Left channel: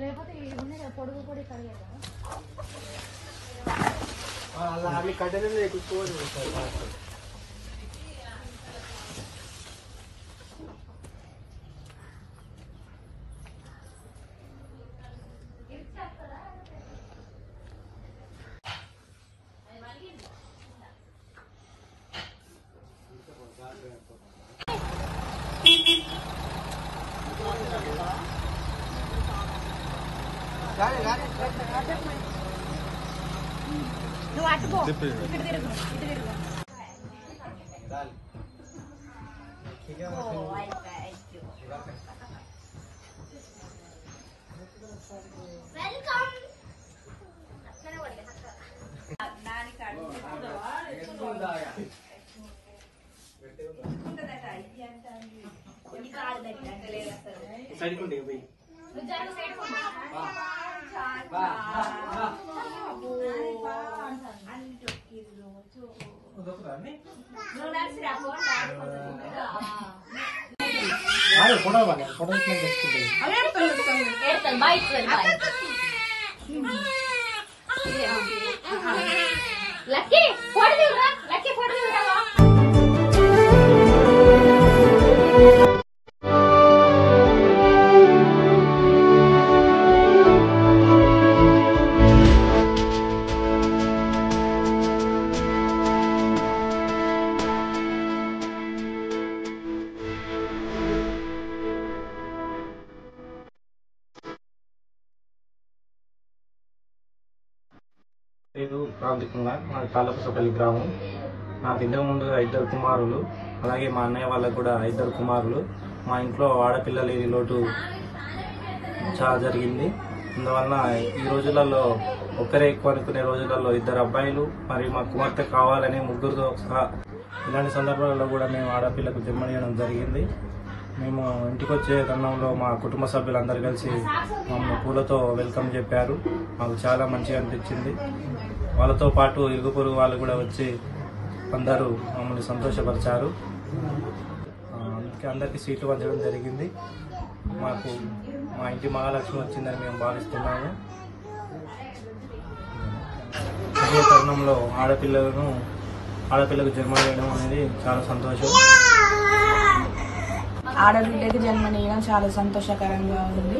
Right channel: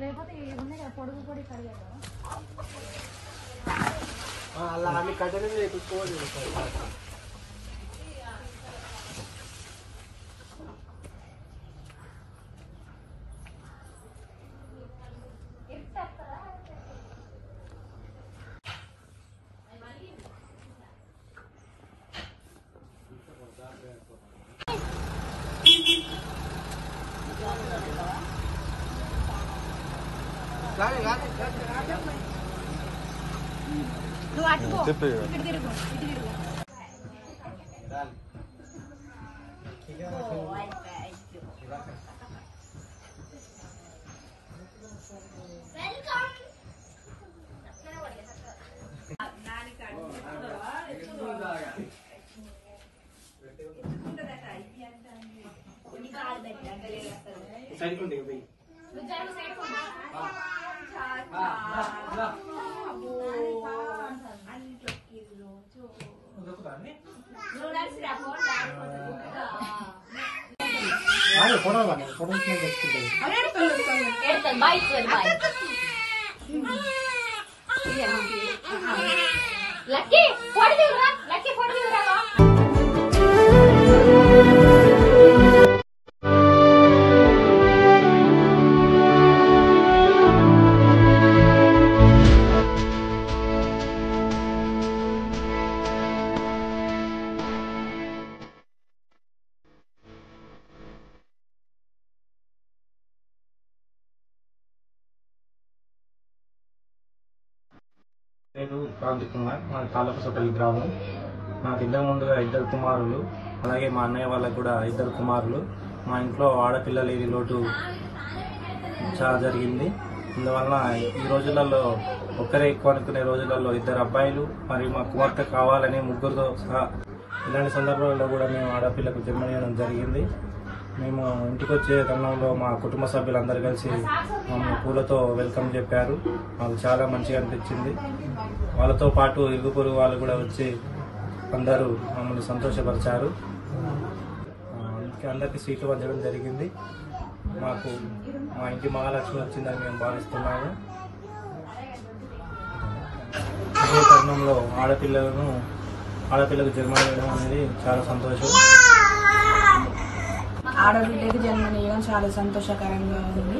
లేకపోతే పొడుగు పొడి కడిగేదా అలా ఆమె కట్టెలు తెచ్చుకోవాలి. లక్కీ ఫోటో లక్కీ ఫోటో నేను క్రాంతి కుమార్, మా తాలపసపల్లి గ్రామం. నాకు ఇంతకు ముందుగా 2 కుమారులు, అలాగే మా అన్నయ్య వాళ్ళకు కూడా 2 కుమారులు. మా ఇంట్లో ఆడపిల్ల లేని లోటు చాలా జరిగింది. అందువలన ఈ రోజులలో ఒక్కరే ఎక్కువ అనుకునే రోజులలో 2 అబ్బాయిలు మరియు మా కుమార్తె కావాలని ముగ్గురుతో సహా ఇలాంటి సందర్భాలలో కూడా మేము ఆడపిల్లకు జన్మనివ్వడం జరిగింది. మేము ఇంటికి వచ్చే తరుణంలో మా కుటుంబ సభ్యులందరూ కలిసి మమ్మల్ని పూలతో వెల్కమ్ చెప్పారు. మాకు చాలా మంచిగా అనిపించింది. వాళ్ళతో పాటు ఇరుగు పొరుగు వాళ్ళు కూడా వచ్చి అందరూ మమ్మల్ని సంతోషపరిచారు. అందుకే అందరికీ సీట్లు పంచడం జరిగింది. మాకు మా ఇంటి మహాలక్ష్మి వచ్చిందని మేము భావిస్తున్నాము. అదే తరుణంలో ఆడపిల్లకు జన్మనివ్వడం అనేది చాలా సంతోషం. ఆడబిడ్డకి జన్మనివ్వడం చాలా సంతోషకరంగా ఉంది.